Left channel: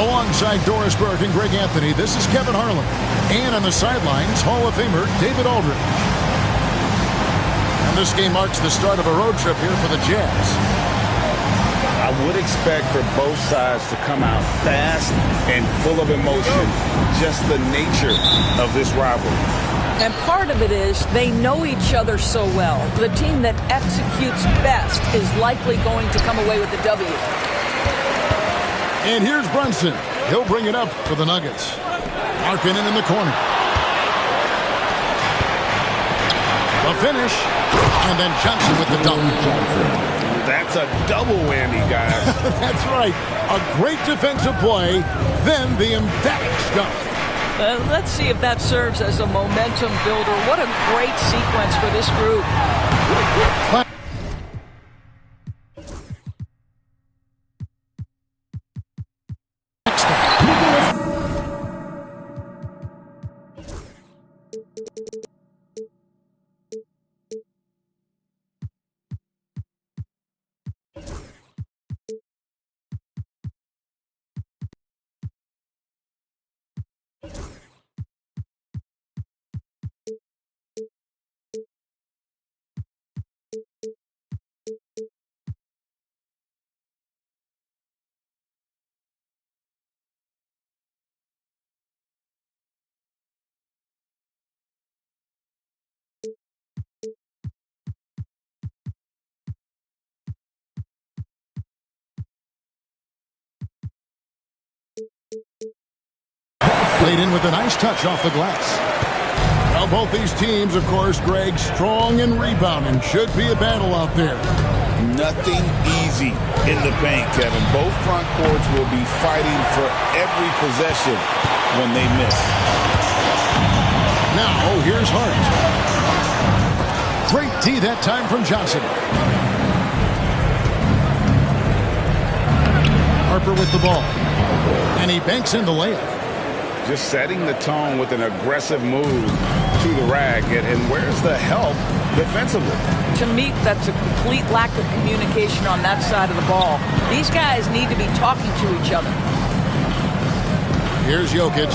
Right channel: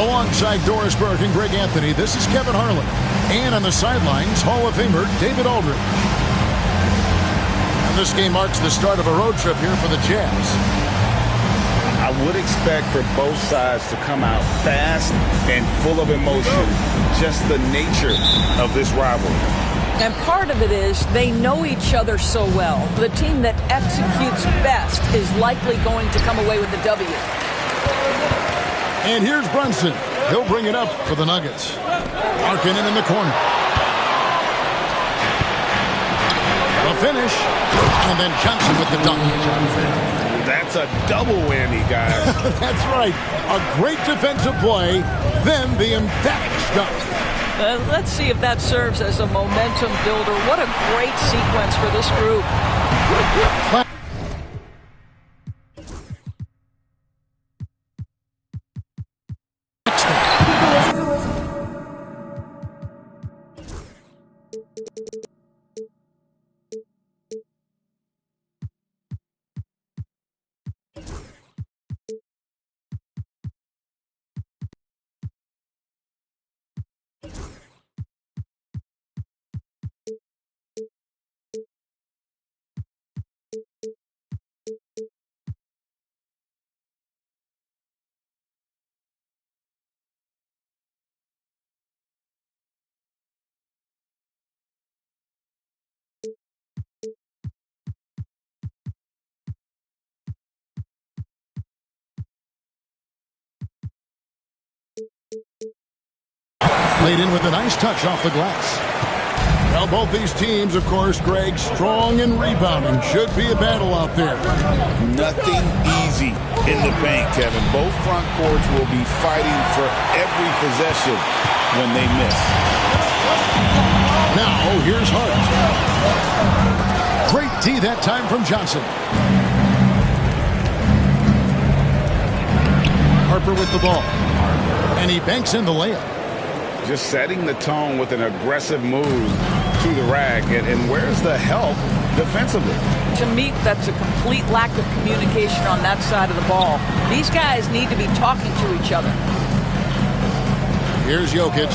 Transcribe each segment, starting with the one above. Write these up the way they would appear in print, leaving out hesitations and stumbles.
Alongside Doris Burke and Greg Anthony, this is Kevin Harlan. And on the sidelines, Hall of Famer David Aldridge. And this game marks the start of a road trip here for the Jazz. I would expect for both sides to come out fast and full of emotion. Just the nature of this rivalry. And part of it is they know each other so well. The team that executes best is likely going to come away with the W. And here's Brunson. He'll bring it up for the Nuggets. Markkanen in the corner. The finish. And then Johnson with the dunk. That's a double whammy, guys. That's right. A great defensive play, then the emphatic stuff. Let's see if that serves as a momentum builder. What a great sequence for this group. Played in with a nice touch off the glass. Well, both these teams, of course, Greg, strong and rebounding. Should be a battle out there. Nothing easy in the paint, Kevin. Both front courts will be fighting for every possession when they miss. Now, here's Hart. Great D that time from Johnson. Harper with the ball. And he banks in the layup. Just setting the tone with an aggressive move to the rack. And where's the help defensively? To me, that's a complete lack of communication on that side of the ball. These guys need to be talking to each other. Here's Jokic.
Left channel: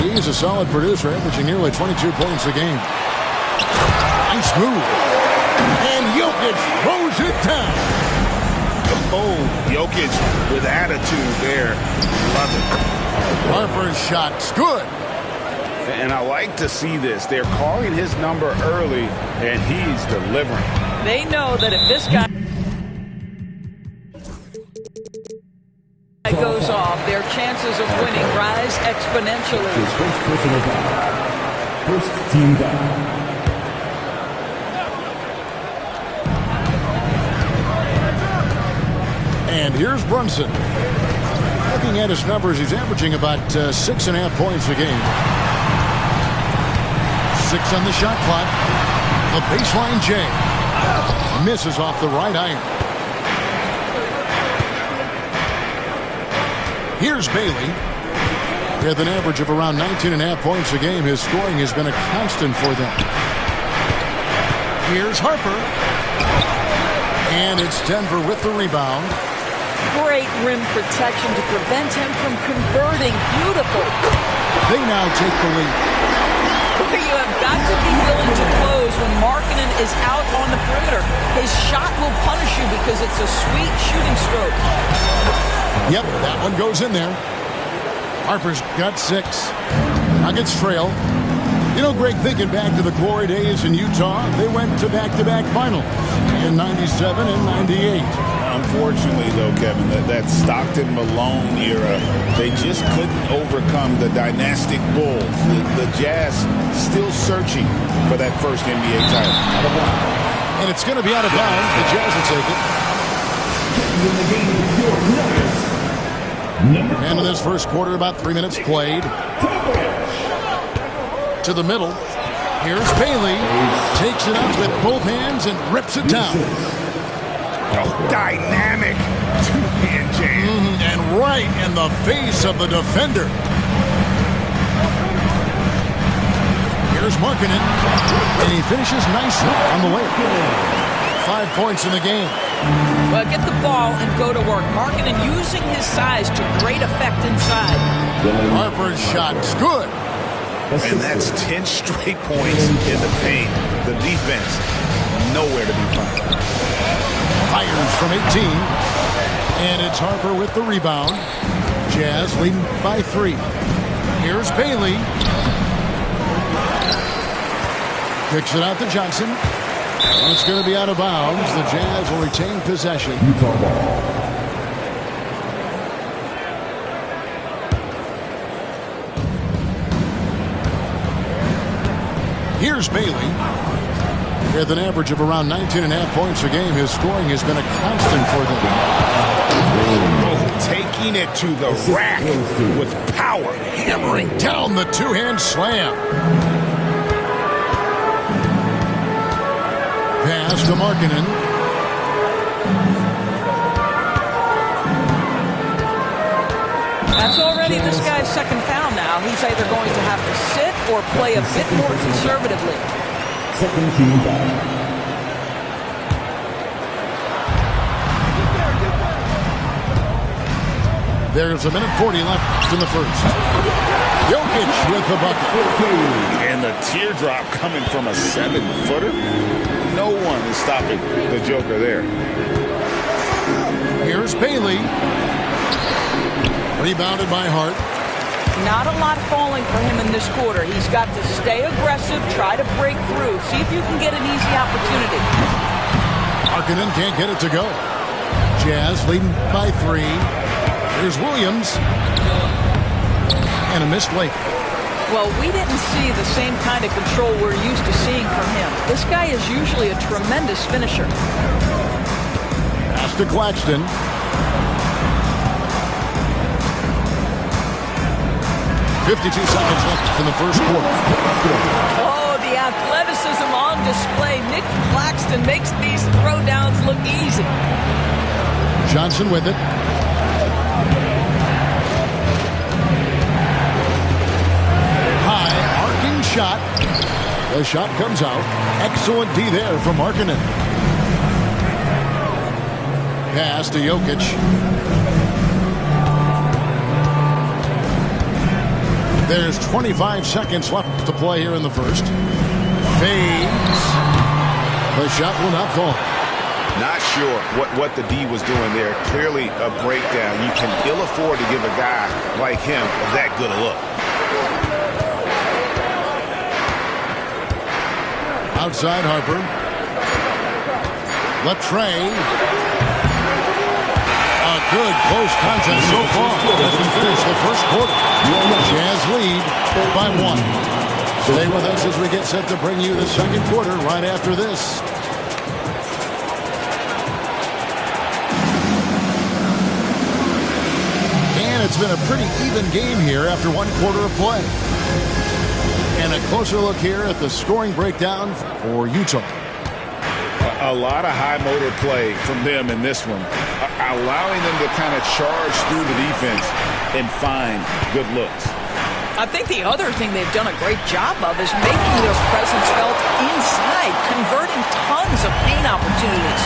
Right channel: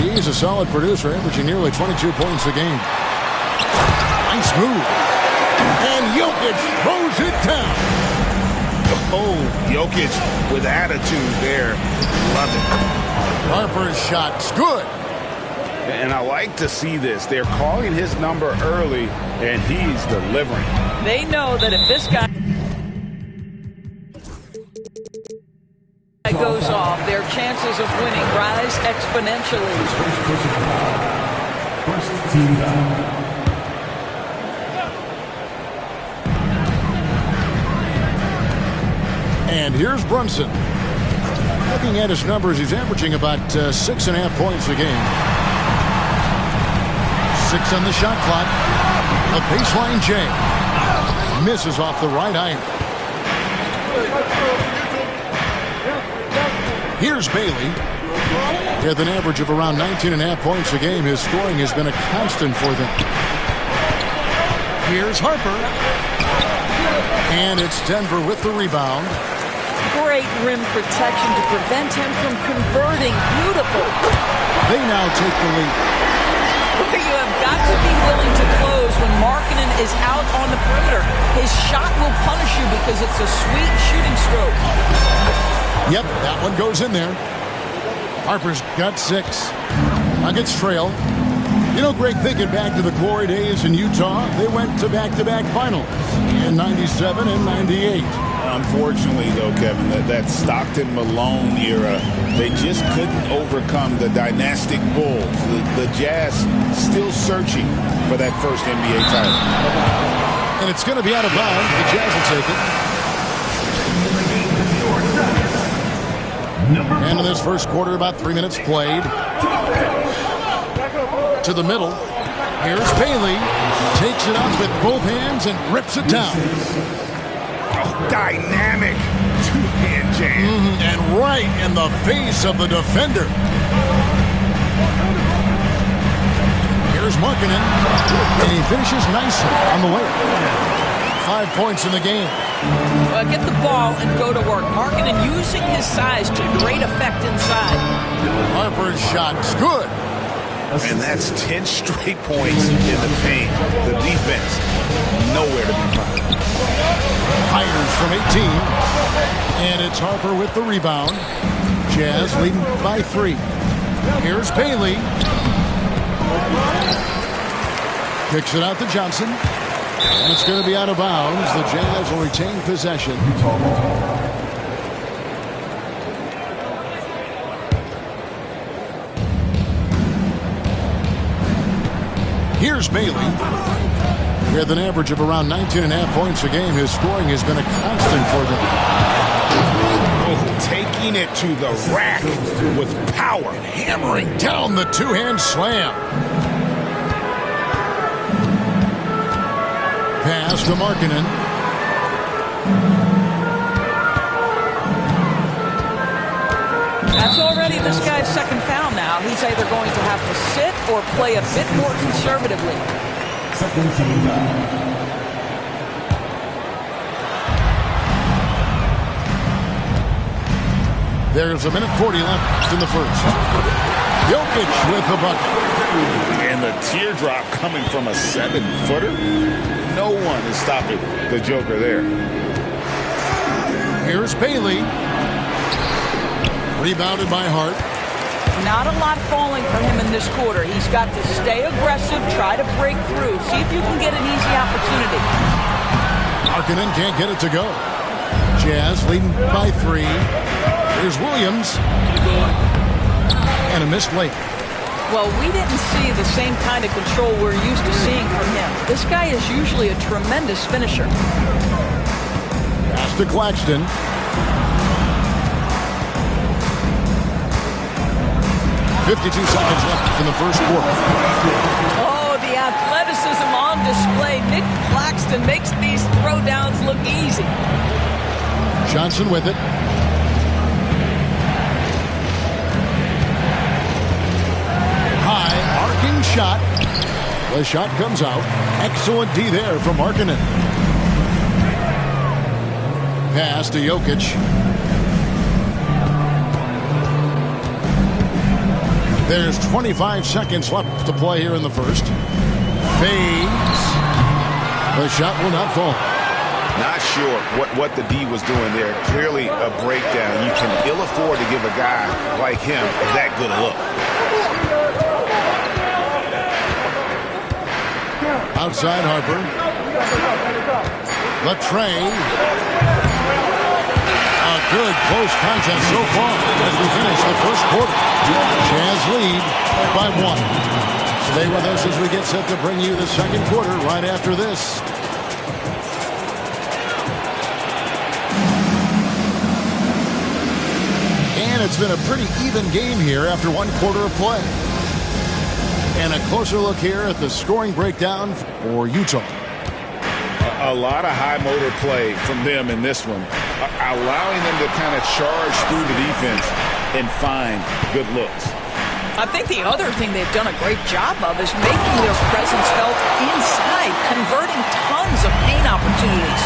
He's a solid producer, averaging nearly 22 points a game. Nice move. And Jokic throws it down. Oh, Jokic with attitude there. Love it. Harper's shot's good. And I like to see this. They're calling his number early, and he's delivering. They know that if this guy goes off, their chances of winning rise exponentially. His first personal foul. First team foul. And here's Brunson. Looking at his numbers, he's averaging about 6.5 points a game. 6 on the shot clock. A baseline J. Misses off the right iron. Here's Bailey. With an average of around 19.5 points a game, his scoring has been a constant for them. Here's Harper. And it's Denver with the rebound. Great rim protection to prevent him from converting. Beautiful. They now take the lead. You have got to be willing to close when Markkanen is out on the perimeter. His shot will punish you because it's a sweet shooting stroke. Yep, that one goes in there. Harper's got 6. Nuggets trail. You know, Greg, thinking back to the glory days in Utah, they went to back-to-back finals in 97 and 98. Unfortunately, though, Kevin, that Stockton-Malone era, they just couldn't overcome the dynastic Bulls. The Jazz still searching for that first NBA title. And it's going to be out of bounds. The Jazz will take it. And in this first quarter, about 3 minutes played. To the middle. Here's Bailey. Takes it up with both hands and rips it down. Oh, dynamic two-hand jam. And right in the face of the defender. Here's Markkanen. And he finishes nicely on the layup. 5 points in the game. Well, get the ball and go to work. Markkanen using his size to great effect inside. Harper's shot's good. And that's 10 straight points in the paint. The defense, nowhere to be found. Fires from 18. And it's Harper with the rebound. Jazz leading by 3. Here's Bailey. Kicks it out to Johnson. And it's going to be out of bounds. The Jazz will retain possession. Utah ball. Here's Bailey. With an average of around 19.5 points a game, his scoring has been a constant for them. Oh, taking it to the rack with power. Hammering down the two-hand slam. Pass to Markkanen. That's already this guy's second foul now. He's either going to have to sit or play a bit more conservatively. Second team foul. There's a minute 40 left in the first. Jokic with the bucket. And the teardrop coming from a 7-footer. No one is stopping the Joker there. Here's Bailey. Rebounded by Hart. Not a lot falling for him in this quarter. He's got to stay aggressive, try to break through, see if you can get an easy opportunity. Markkanen can't get it to go. Jazz leading by 3. Here's Williams. And a missed late. Well, we didn't see the same kind of control we're used to seeing from him. This guy is usually a tremendous finisher. Pass to Claxton. .52 seconds left in the first quarter. Oh, the athleticism on display. Nick Claxton makes these throwdowns look easy. Johnson with it. High arcing shot. The shot comes out. Excellent D there from Markkanen. Pass to Jokic. There's 25 seconds left to play here in the first. Fades. The shot will not fall. Not sure what the D was doing there. Clearly a breakdown. You can ill afford to give a guy like him that good a look. Outside Harper. Latrey. A good close contest so far as we finish the first quarter. Jazz lead by 1. Stay with us as we get set to bring you the second quarter right after this. And it's been a pretty even game here after 1 quarter of play. And a closer look here at the scoring breakdown for Utah. A lot of high motor play from them in this one, allowing them to kind of charge through the defense and find good looks. I think the other thing they've done a great job of is making their presence felt inside, converting tons of paint opportunities.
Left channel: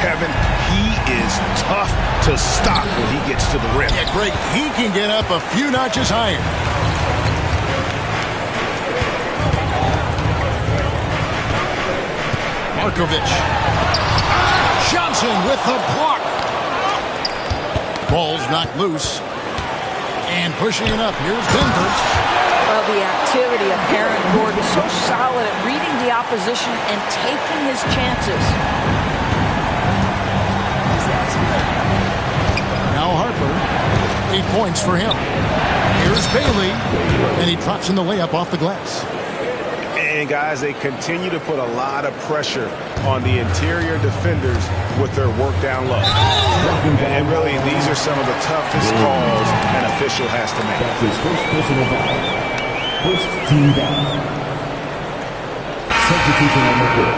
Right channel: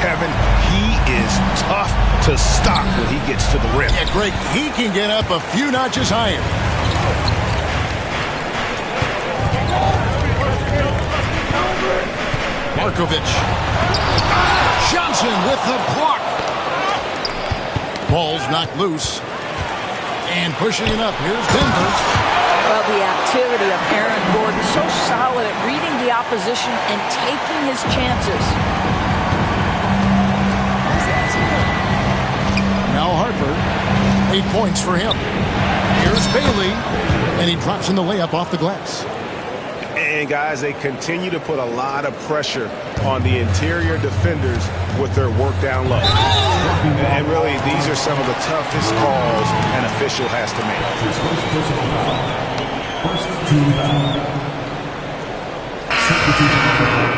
Kevin, he is tough to stop when he gets to the rim. Yeah, Greg, he can get up a few notches higher. Markovic. Johnson with the block. Ball's knocked loose. And pushing it up. Here's Denver. Well, the activity of Aaron Gordon is so solid at reading the opposition and taking his chances. Now Harper. 8 points for him. Here's Bailey. And he drops in the layup off the glass. And, guys, they continue to put a lot of pressure on the interior defenders with their work down low. And really, these are some of the toughest calls an official has to make. His first personal foul. First team foul. Substitution on the court.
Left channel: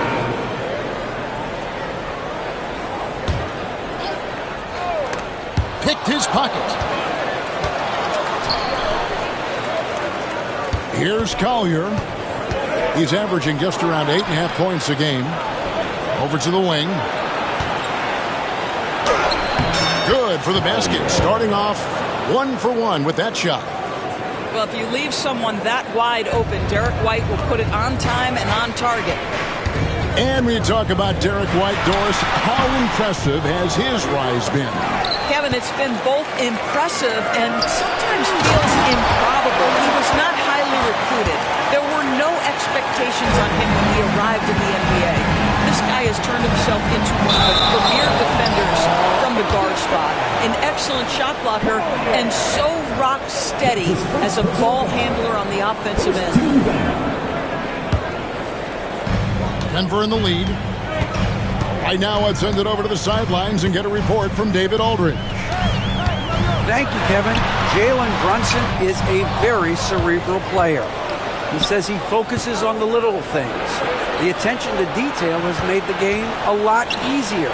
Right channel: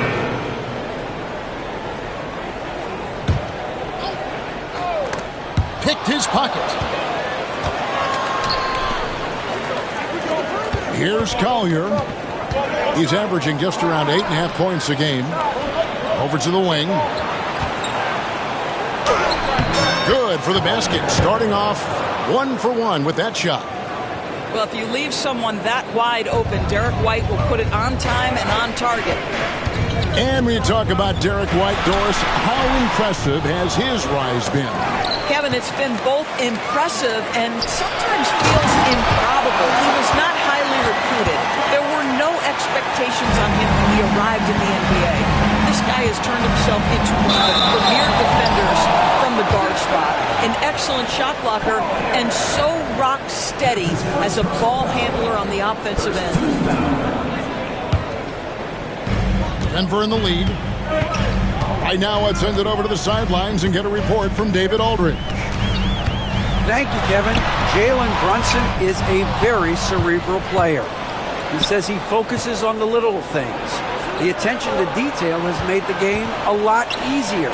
Picked his pocket. Here's Collier. He's averaging just around 8.5 points a game. Over to the wing. Good for the basket. Starting off 1 for 1 with that shot. Well, if you leave someone that wide open, Derek White will put it on time and on target. And when you talk about Derek White, Doris, how impressive has his rise been? Kevin, it's been both impressive and sometimes feels improbable. He was not highly recruited. There were no expectations on him when he arrived in the NBA. This guy has turned himself into one of the premier defenders from the guard spot, an excellent shot blocker, and so rock steady as a ball handler on the offensive end. Denver in the lead. Right now, let's send it over to the sidelines and get a report from David Aldridge. Thank you, Kevin. Jalen Brunson is a very cerebral player. He says he focuses on the little things. The attention to detail has made the game a lot easier.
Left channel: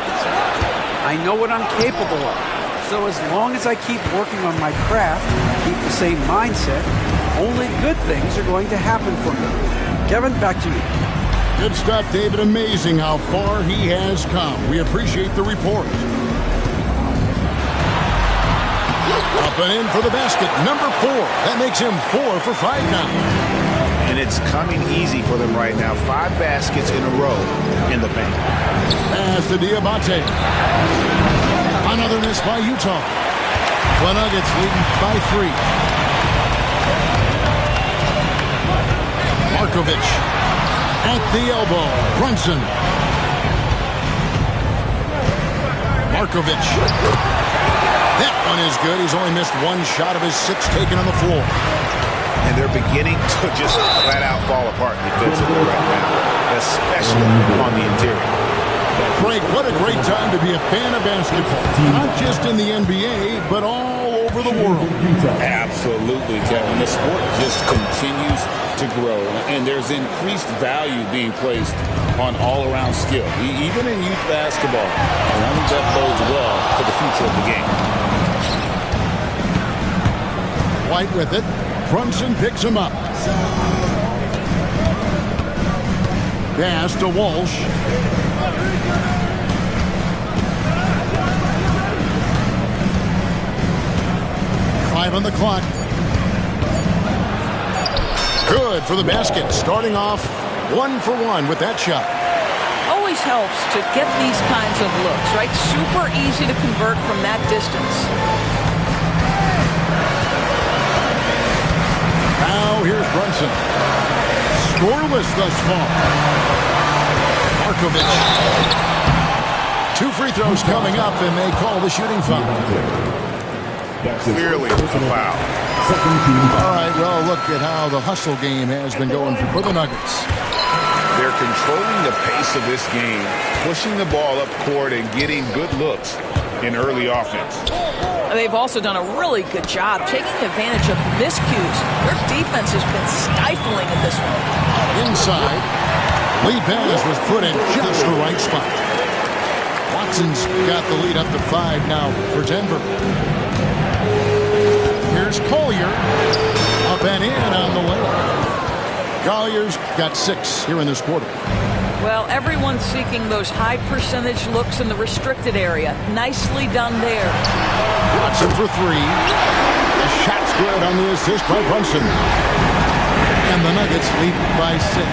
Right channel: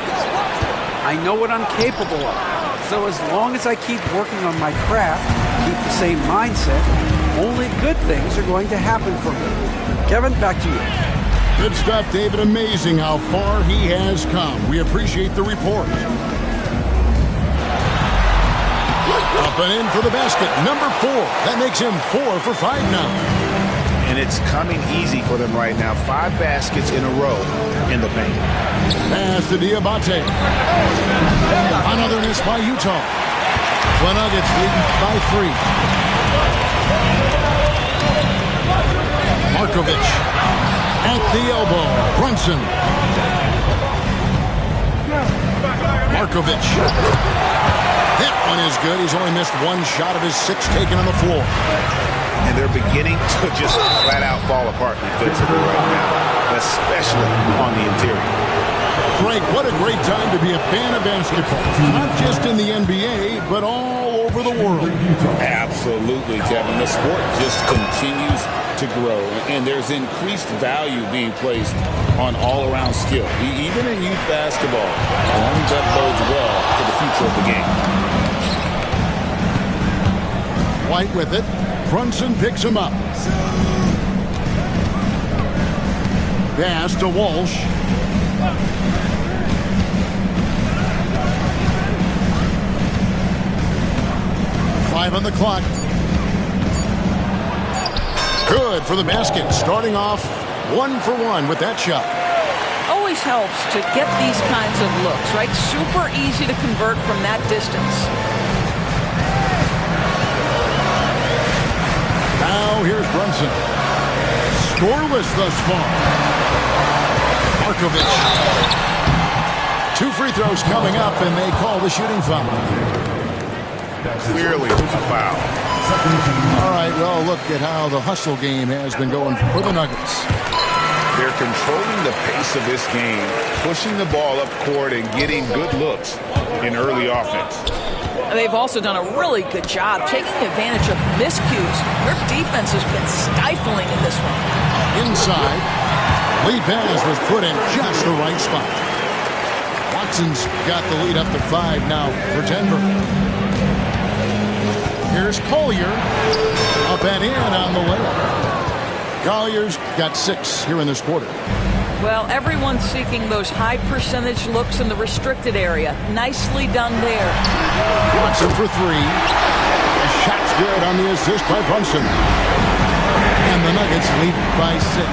I know what I'm capable of. So as long as I keep working on my craft, keep the same mindset, only good things are going to happen for me. Kevin, back to you. Good stuff, David. Amazing how far he has come. We appreciate the report. Up and in for the basket. Number 4. That makes him 4 for 5 now. And it's coming easy for them right now. 5 baskets in a row in the paint. Pass to Diabate. Another miss by Utah. The Nuggets leading by 3. Markovic. At the elbow, Brunson. Markovic. That one is good. He's only missed 1 shot of his 6 taken on the floor. And they're beginning to just flat out fall apart defensively right now, especially on the interior. Craig, what a great time to be a fan of basketball. Not just in the NBA, but all over the world. Absolutely, Kevin. The sport just continues to grow, and there's increased value being placed on all-around skill, even in youth basketball. And I think that bodes well for the future of the game. White with it. Brunson picks him up. Pass to Walsh. Five on the clock. Good for the basket. Starting off 1 for 1 with that shot. Always helps to get these kinds of looks, right? Super easy to convert from that distance. Now here's Brunson. Scoreless thus far. Markovic. 2 free throws coming up, and they call the shooting foul. Clearly a foul. All right, well, look at how the hustle game has been going for the Nuggets. They're controlling the pace of this game, pushing the ball up court and getting good looks in early offense. They've also done a really good job taking advantage of miscues. Their defense has been stifling in this one. Inside, lead pass was put in just the right spot. Watson's got the lead up to 5 now for Denver. Here's Collier. Up and in on the layup. Collier's got 6 here in this quarter. Well, everyone's seeking those high percentage looks in the restricted area. Nicely done there. Watson for 3. The shot's good on the assist by Brunson. And the Nuggets lead by 6.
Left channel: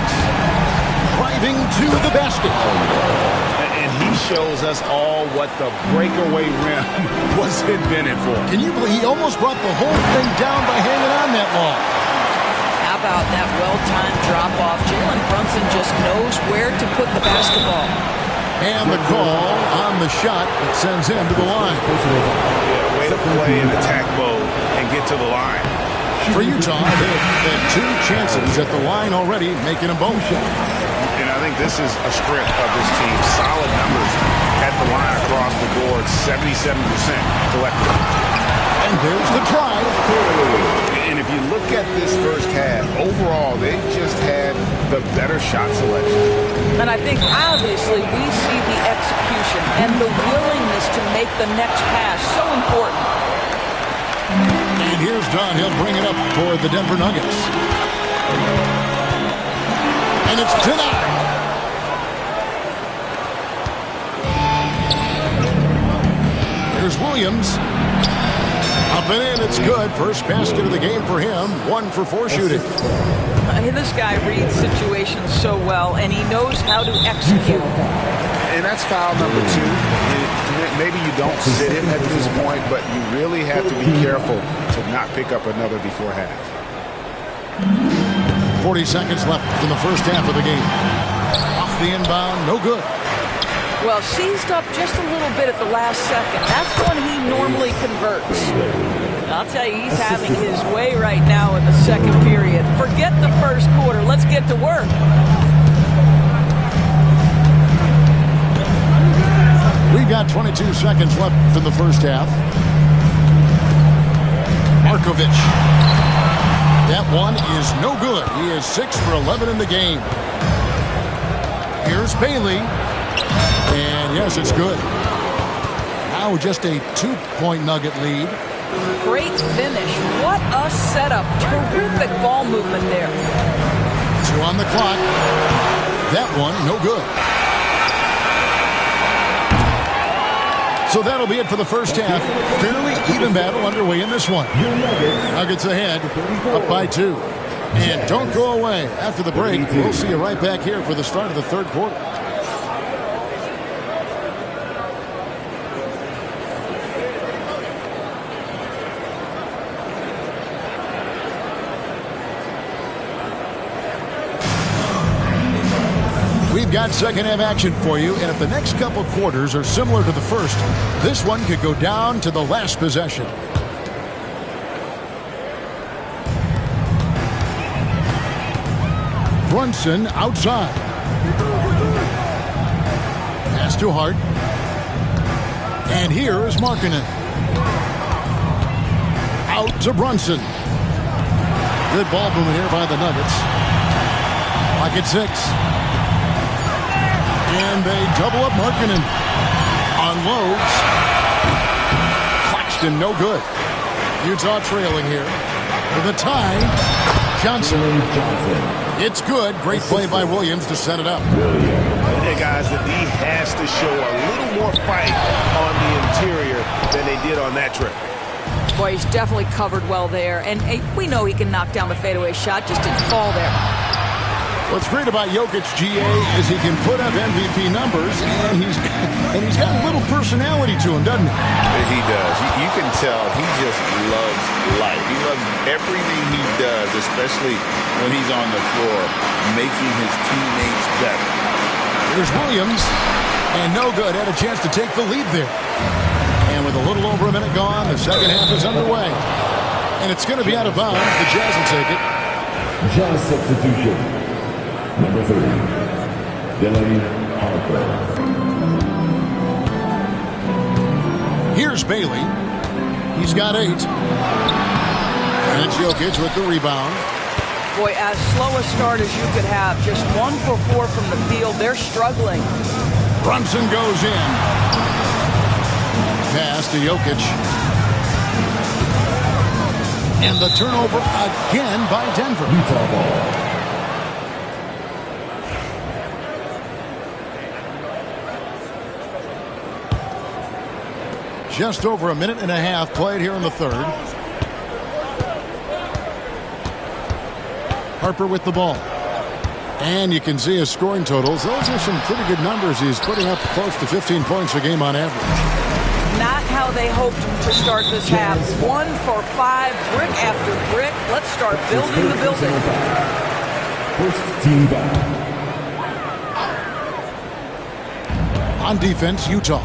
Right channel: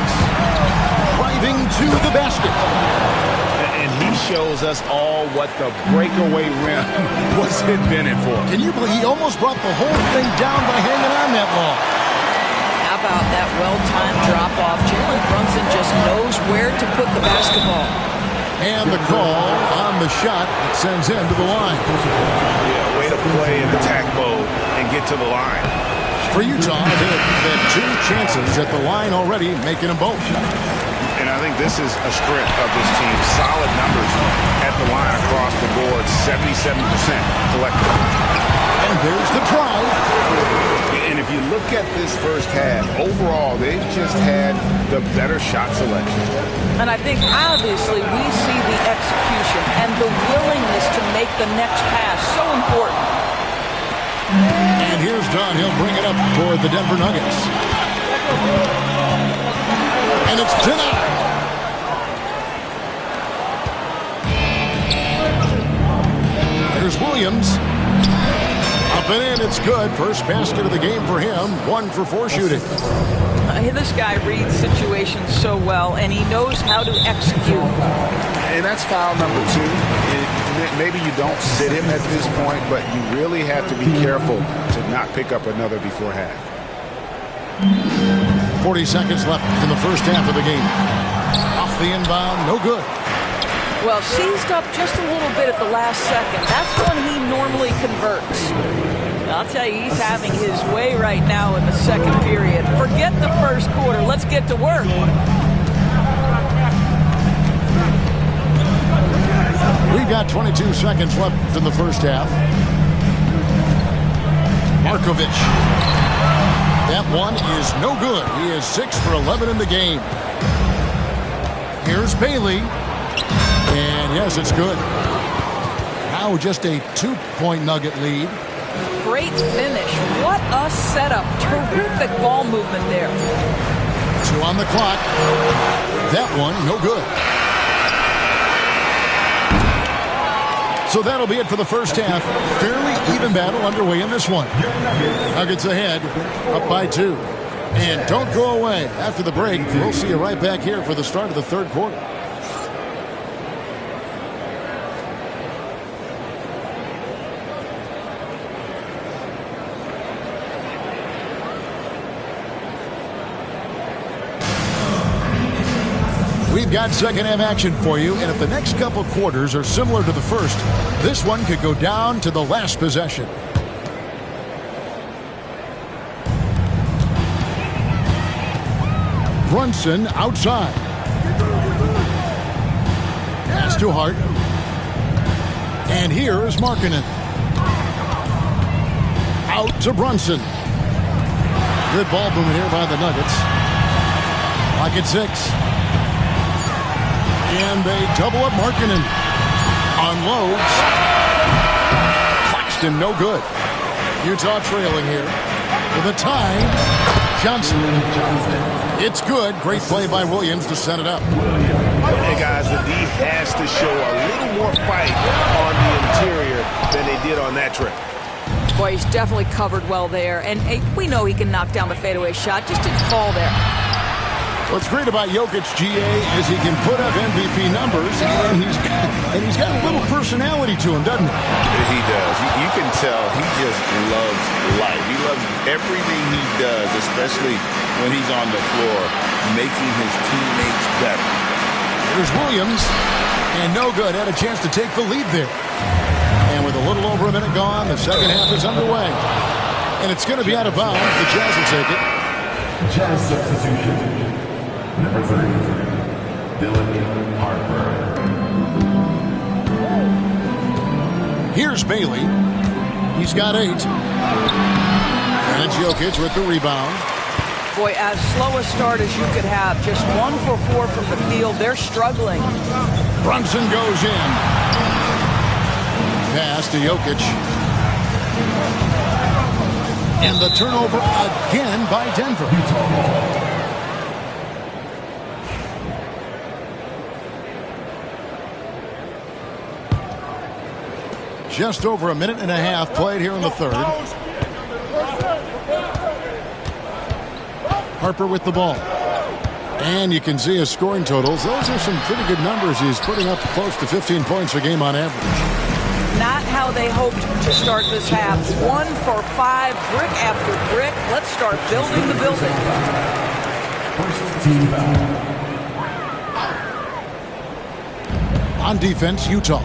Driving to the basket. And he shows us all what the breakaway rim was invented for. Can you believe he almost brought the whole thing down by hanging on that long? How about that well-timed drop-off? Jalen Brunson just knows where to put the basketball. And the call on the shot that sends him to the line. Yeah, way to play in attack mode and get to the line. For Utah, they've had 2 chances at the line already, making them both. And I think this is a strength of this team. Solid numbers at the line across the board, 77% collectively. And there's the drive. And if you look at this first half, overall, they've just had the better shot selection. And I think, obviously, we see the execution and the willingness to make the next pass so important. And here's Dunn. He'll bring it up for the Denver Nuggets. And it's denied. Here's Williams. Up and in, it's good. First basket of the game for him. 1 for 4 shooting. This guy reads situations so well, and he knows how to execute. And that's foul number 2. And maybe you don't sit him at this point, but you really have to be careful to not pick up another before half. 40 seconds left in the first half of the game. Off the inbound, no good. Well, seized up just a little bit at the last second. That's when he normally converts. I'll tell you, he's having his way right now in the second period. Forget the first quarter. Let's get to work. We've got 22 seconds left in the first half. Markovic. That one is no good. He is 6 for 11 in the game. Here's Bailey. And yes, it's good. Now just a 2-point Nugget lead. Great finish. What a setup. Terrific ball movement there. 2 on the clock. That one, no good. So that'll be it for the first half. Fairly even battle underway in this one. Nuggets ahead, up by 2. And don't go away. After the break, we'll see you right back here for the start of the third quarter. We've got second half action for you, and if the next couple quarters are similar to the first, this one could go down to the last possession. Brunson outside. Pass to Hart. And here is Markkanen. Out to Brunson. Good ball movement here by the Nuggets. Clock at 6. And they double up Markkanen. Unloads. Claxton, no good. Utah trailing here. For the tie, Johnson. It's good. Great play by Williams to set it up. Hey, guys, the D has to show a little more fight on the interior than they did on that trip. Boy, he's definitely covered well there. And we know he can knock down the fadeaway shot. Just didn't fall there. What's great about Jokic, GA, is he can put up MVP numbers, and he's got a little personality to him, doesn't he? He does. You can tell he just loves life. He loves everything he does, especially when he's on the floor, making his teammates better. Here's Williams, and no good. Had a chance to take the lead there. And with a little over a minute gone, the second half is underway. And it's going to be out of bounds. The Jazz will take it. Jazz substitution. Number 3, Dylan Harper. Here's Bailey. He's got 8. And it's Jokic with the rebound. Boy, as slow a start as you could have. Just 1 for 4 from the field. They're struggling. Brunson goes in. Pass to Jokic. And the turnover again by Denver. Utah ball. Just over a minute and a half played here in the third. Harper with the ball. And you can see his scoring totals. Those are some pretty good numbers. He's putting up close to 15 points a game on average. Not how they hoped to start this half. 1 for 5, brick after brick. Let's start building the building. First team foul. On defense, Utah.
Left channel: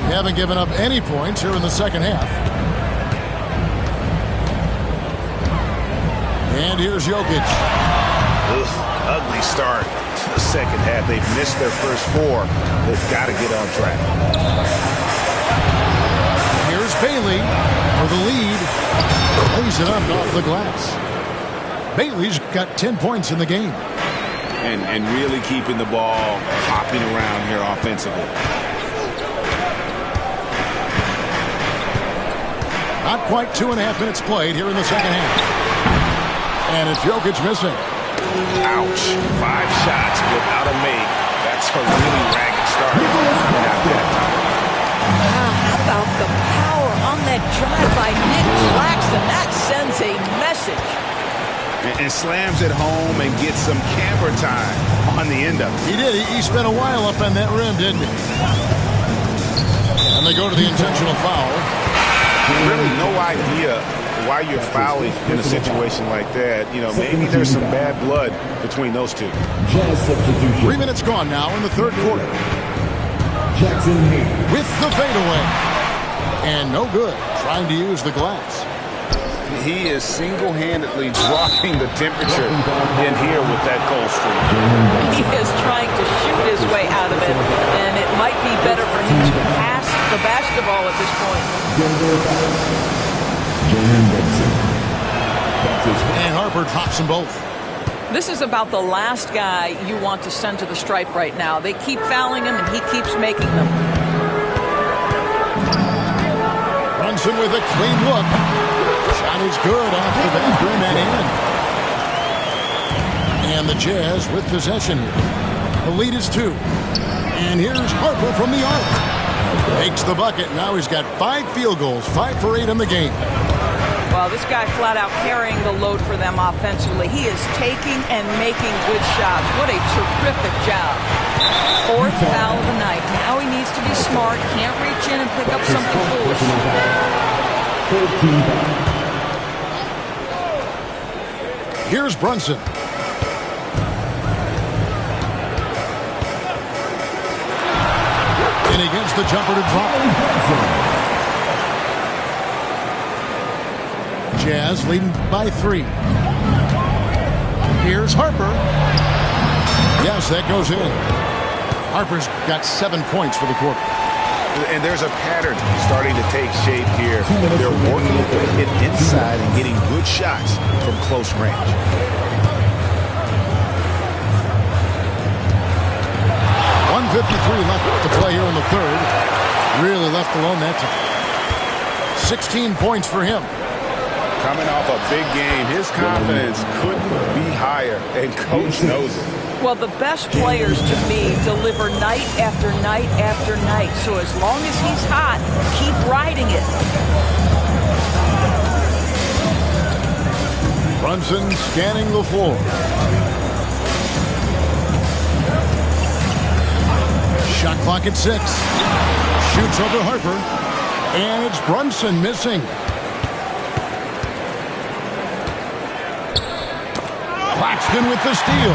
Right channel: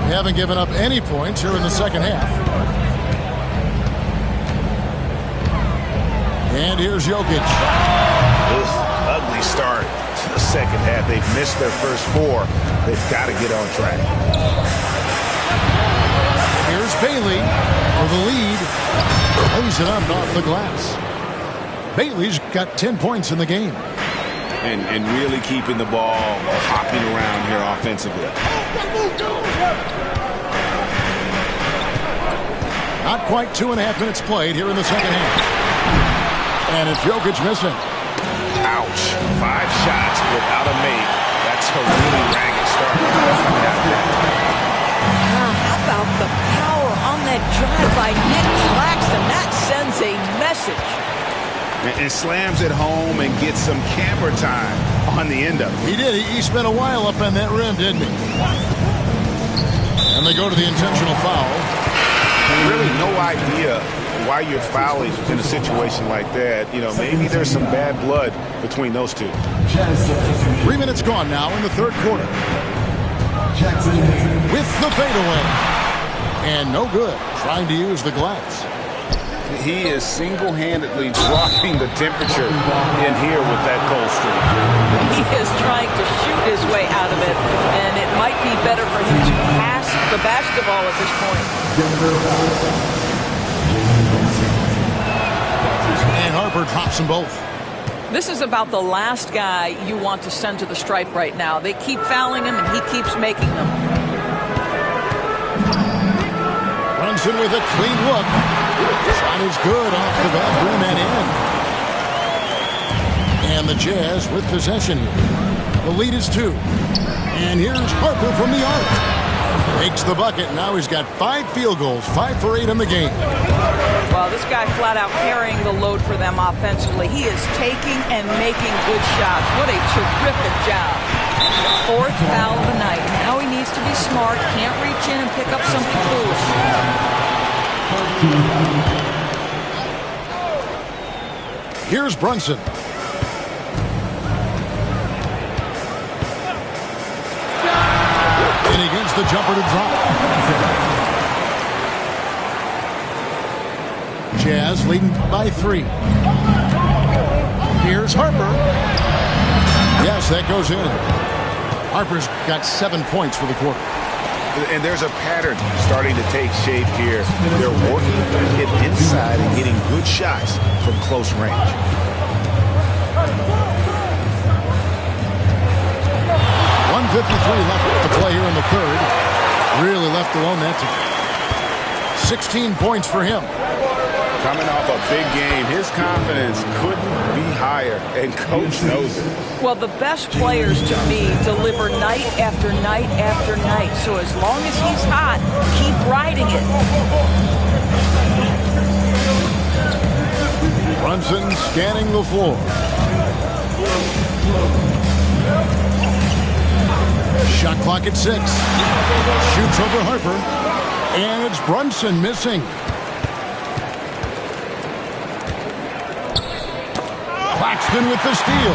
They haven't given up any points here in the second half. And here's Jokic. Ugly start to the second half. They've missed their first 4. They've got to get on track. Here's Bailey for the lead. Lays it up off the glass. Bailey's got 10 points in the game. And really keeping the ball hopping around here offensively. Not quite 2.5 minutes played here in the second half. And it's Jokic missing. Ouch. 5 shots without a make. That's a really ragged start coming out of that time. How about the power on that drive by Nick Claxton? That sends a message. And slams it home and gets some camera time on the end of it. He did. He spent a while up on that rim, didn't he? And they go to the intentional foul. Really no idea why you're fouling in a situation like that. You know, maybe there's some bad blood between those two. 3 minutes gone now in the third quarter. Jackson Hayes With the fadeaway. And no good. Trying to use the glass. He is single-handedly dropping the temperature in here with that cold streak. He is trying to shoot his way out of it, and it might be better for him to pass the basketball at this point. And Harper drops them both. This is about the last guy you want to send to the stripe right now. They keep fouling him, and he keeps making them. Brunson with a clean look. Shot is good off the back rim and in. And the Jazz with possession here. The lead is 2. And here's Harper from the arc. Makes the bucket. Now he's got 5 field goals, 5 for 8 in the game. Well, this guy flat out carrying the load for them offensively. He is taking and making good shots. What a terrific job. 4th foul of the night. Now he needs to be smart. Can't reach in and pick up something foolish. 14 foul. Here's Brunson. And he gets the jumper to drop. Jazz leading by 3. Here's Harper. Yes, that goes in. Harper's got 7 points for the quarter. And there's a pattern starting to take shape here. They're working it inside and getting good shots from close range. .153 left to play here in the third. Really left alone that time. 16 points for him. Coming off a big game, his confidence couldn't be higher, and Coach knows it. Well, the best players to me deliver night after night after night. So as long as he's hot, keep riding it. Brunson scanning the floor. Shot clock at 6. Shoots over Harper. And it's Brunson missing. Claxton with the steal.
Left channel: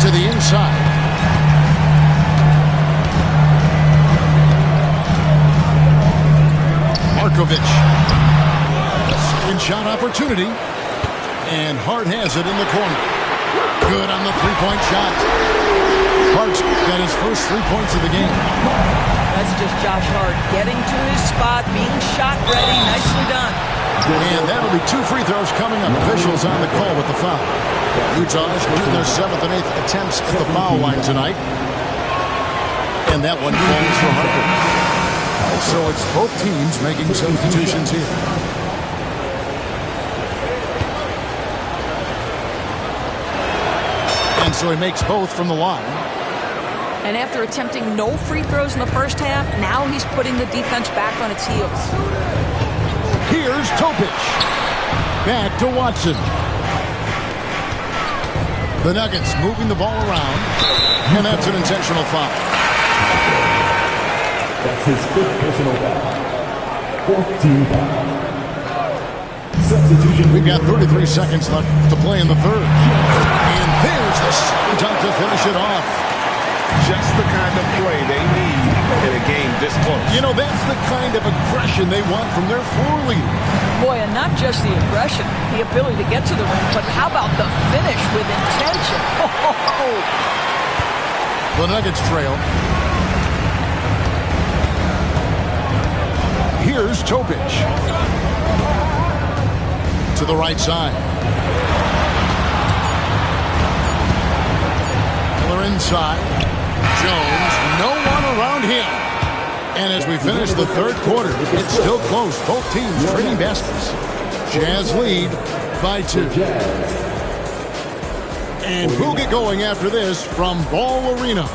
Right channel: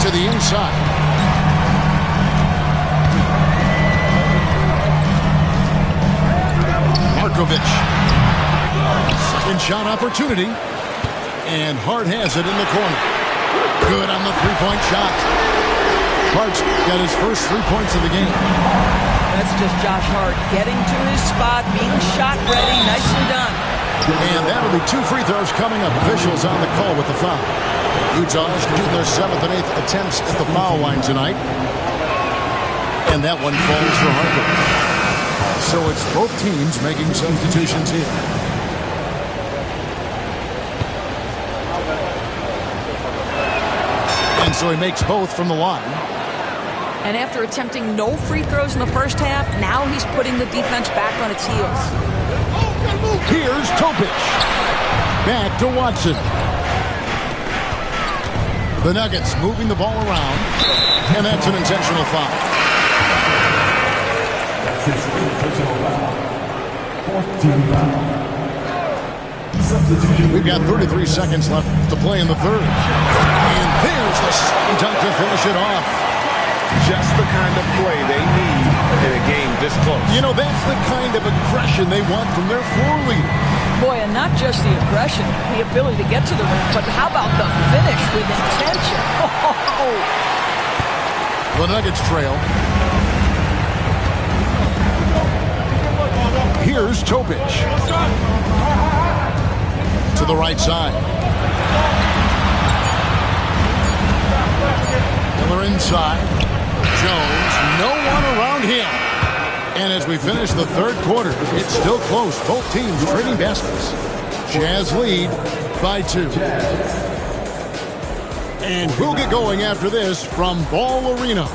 To the inside. Markovic. Second shot opportunity. And Hart has it in the corner. Good on the three-point shot. Hart's got his first 3 points of the game. That's just Josh Hart getting to his spot, being shot ready. Nicely done. And that'll be 2 free throws coming up. Officials on the call with the foul. Utah's shooting their 7th and 8th attempts at the foul line tonight. And that one falls for Harper. So it's both teams making substitutions here. And so he makes both from the line. And after attempting no free throws in the first half, now he's putting the defense back on its heels. Here's Topic. Back to Watson. The Nuggets moving the ball around. And that's an intentional foul. That's his 5th personal foul. 4th team foul. Substitution. We've got 33 seconds left to play in the third. And there's the dunk to finish it off. Just the kind of play they need in a game this close. You know, that's the kind of aggression they want from their floor leader. Boy, and not just the aggression, the ability to get to the rim, but how about the finish with intention? Oh. The Nuggets trail. Here's Topic. To the right side. Miller inside. Jones, no one around him. And as we finish the third quarter, it's still close. Both teams trading baskets. Jazz lead by 2. And we'll get going after this from Ball Arena.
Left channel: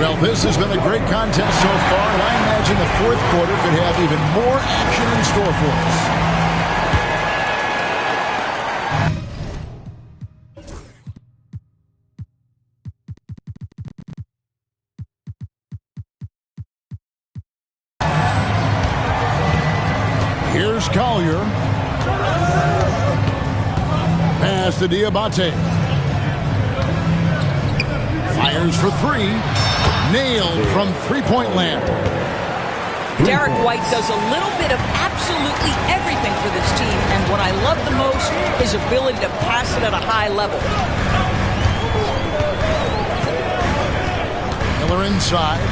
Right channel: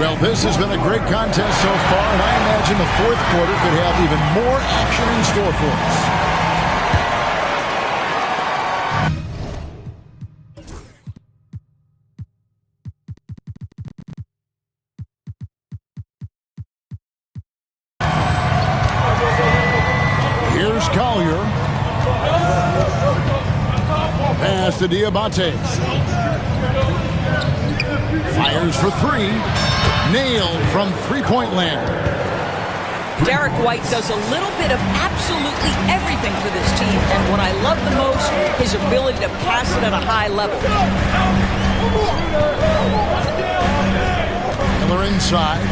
Well, this has been a great contest so far, and I imagine the fourth quarter could have even more action in store for us. Here's Collier. Pass to Diabate. Fires for three. Nailed from three-point land. Derek White does a little bit of absolutely everything for this team, and what I love the most, his ability to pass it at a high level. Miller inside.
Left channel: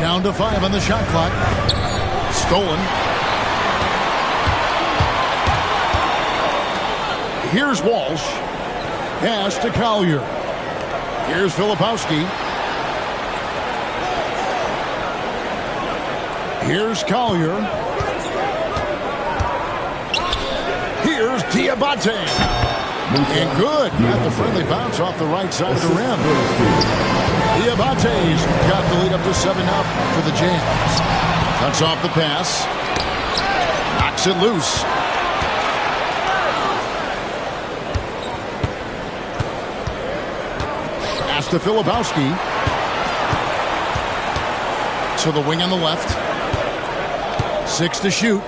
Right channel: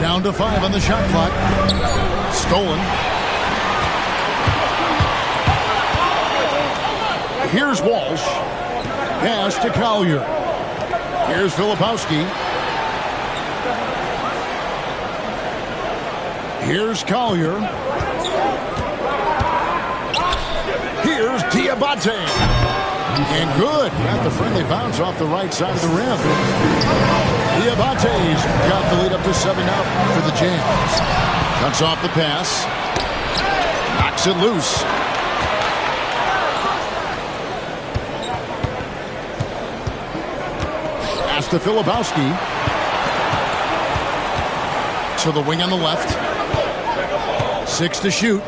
Down to 5 on the shot clock. Stolen. Here's Walsh. Pass to Collier. Here's Filipowski. Here's Collier. Here's Diabate. And good. Got the friendly bounce off the right side of the rim. Diabate's got the lead up to 7 up for the Jazz. Cuts off the pass. Knocks it loose. Pass to Filipowski. To the wing on the left. 6 to shoot.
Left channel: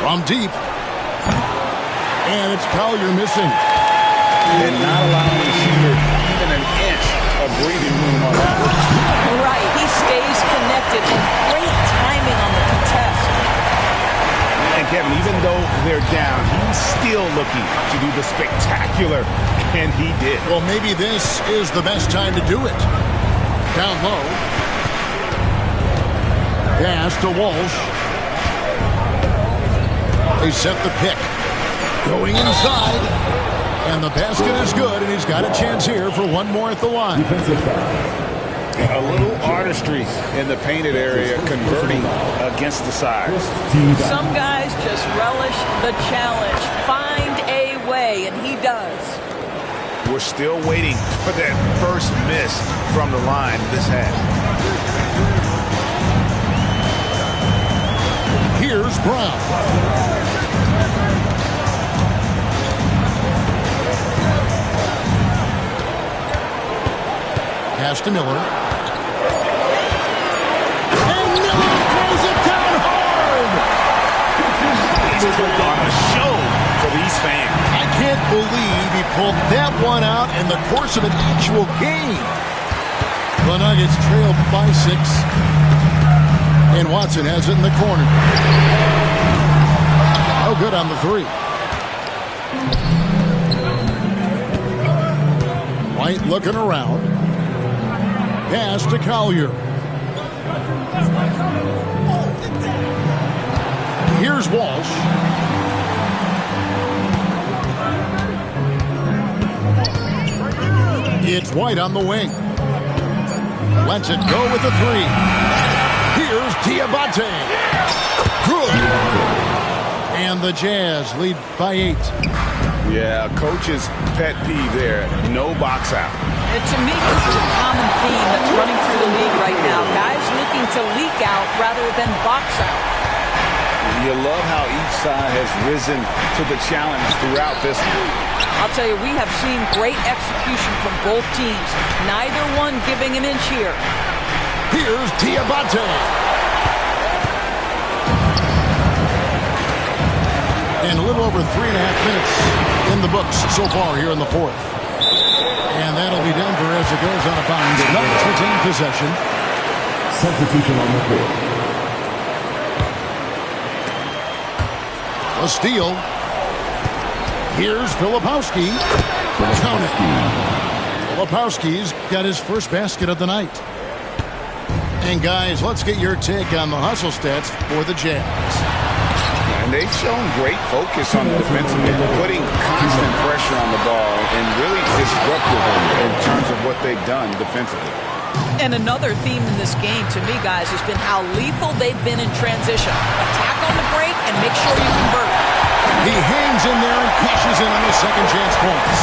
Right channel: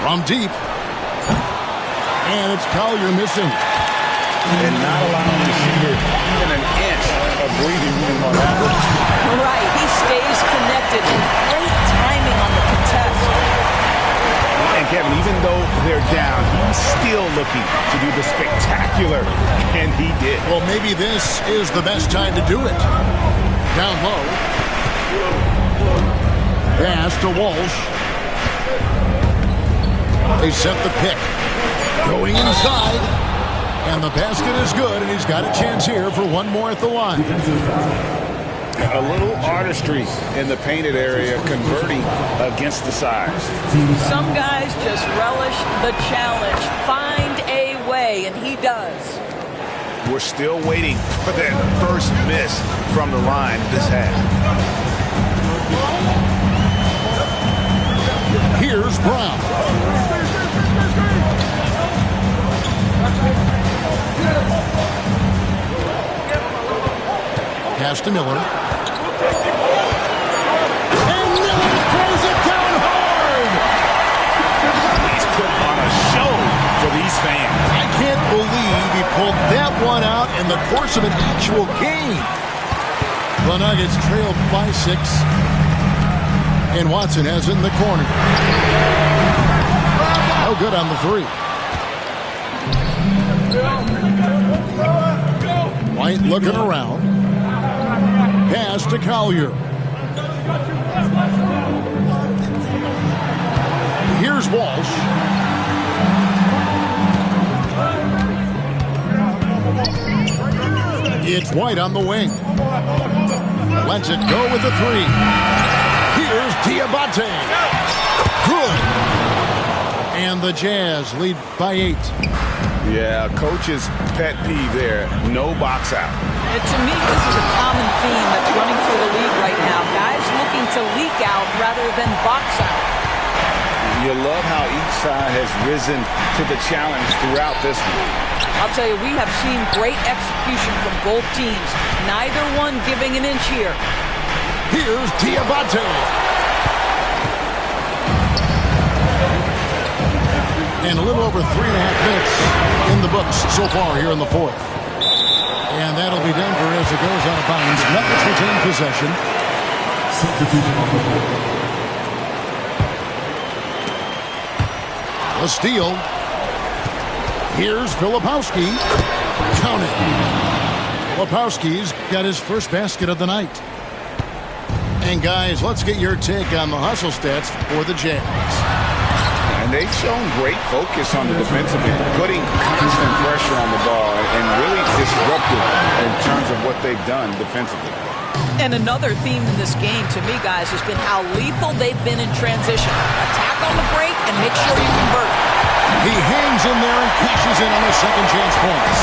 From deep. And it's Collier missing. And not allowing the shooter even an inch of breathing room on average. Right, he stays connected, and great timing on the contest. And Kevin, even though they're down, he's still looking to do the spectacular, and he did. Well, maybe this is the best time to do it. Down low. Pass to Walsh. They set the pick. Going inside. And the basket is good, and he's got a chance here for one more at the line. A little artistry in the painted area, converting against the size. Some guys just relish the challenge. Find a way, and he does. We're still waiting for that first miss from the line this half. Here's Brown. Pass to Miller. And Miller throws it down hard! He's putting on a show for these fans. I can't believe he pulled that one out in the course of an actual game. The Nuggets trail by 6. And Watson has it in the corner. No good on the 3. White looking around. Pass to Collier. Here's Walsh. It's White on the wing. Lets it go with the 3. Here's Diabate. Good. And the Jazz lead by 8. Yeah, coach's pet peeve there. No box out. And to me, this is a common theme that's running through the league right now. Guys looking to leak out rather than box out. You love how each side has risen to the challenge throughout this one. I'll tell you, we have seen great execution from both teams. Neither one giving an inch here. Here's Diabate. And a little over 3.5 minutes in the books so far here in the fourth. And that'll be Denver as it goes out of bounds. Nuggets retain possession. Substitution on the court. A steal. Here's Filipowski. Count it. Filipowski's got his first basket of the night. And guys, let's get your take on the hustle stats for the Jazz. And they've shown great focus on the defensive end, putting constant pressure on the ball and really disruptive in terms of what they've done defensively. And another theme in this game, to me, guys, has been how lethal they've been in transition. Attack on the break and make sure you convert. He hangs in there and cashes in on the second chance points.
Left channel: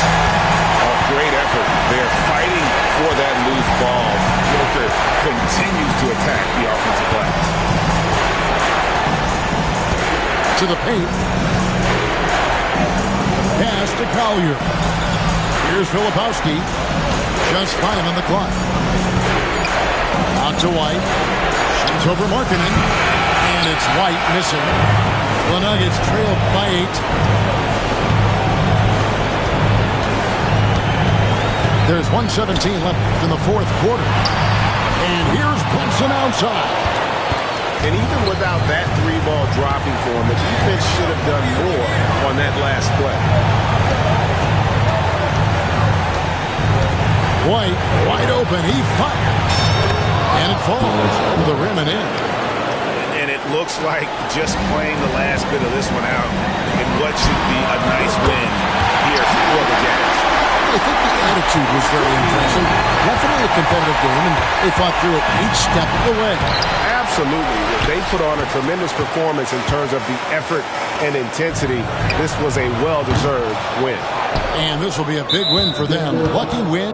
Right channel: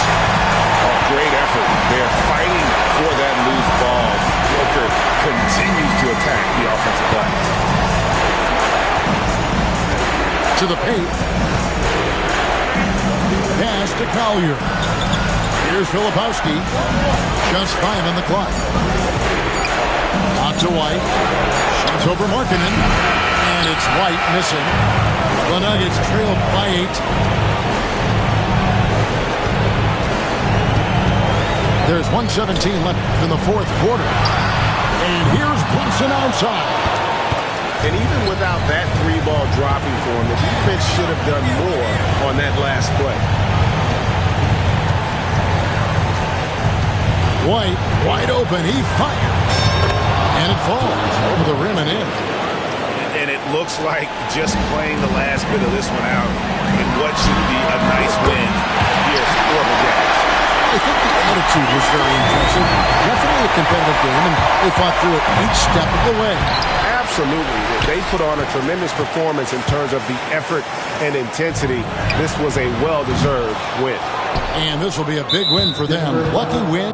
Oh, great effort. They're fighting for that loose ball. Joker continues to attack the offensive glass. To the paint. Pass to Collier. Here's Filipowski. Just 5 on the clock. Out to White. Shoots over Markkanen. And it's White missing. The Nuggets trail by 8. There's 1:17 left in the fourth quarter. And here's Brunson outside. And even without that 3-ball dropping for him, the defense should have done more on that last play. White, wide open. He fires. And it falls over the rim and in. And it looks like just playing the last bit of this one out in what should be a nice win here for the Jazz. I think the attitude was very impressive. Definitely a competitive game, and they fought through it each step of the way. Absolutely. They put on a tremendous performance in terms of the effort and intensity. This was a well-deserved win. And this will be a big win for them. Lucky win.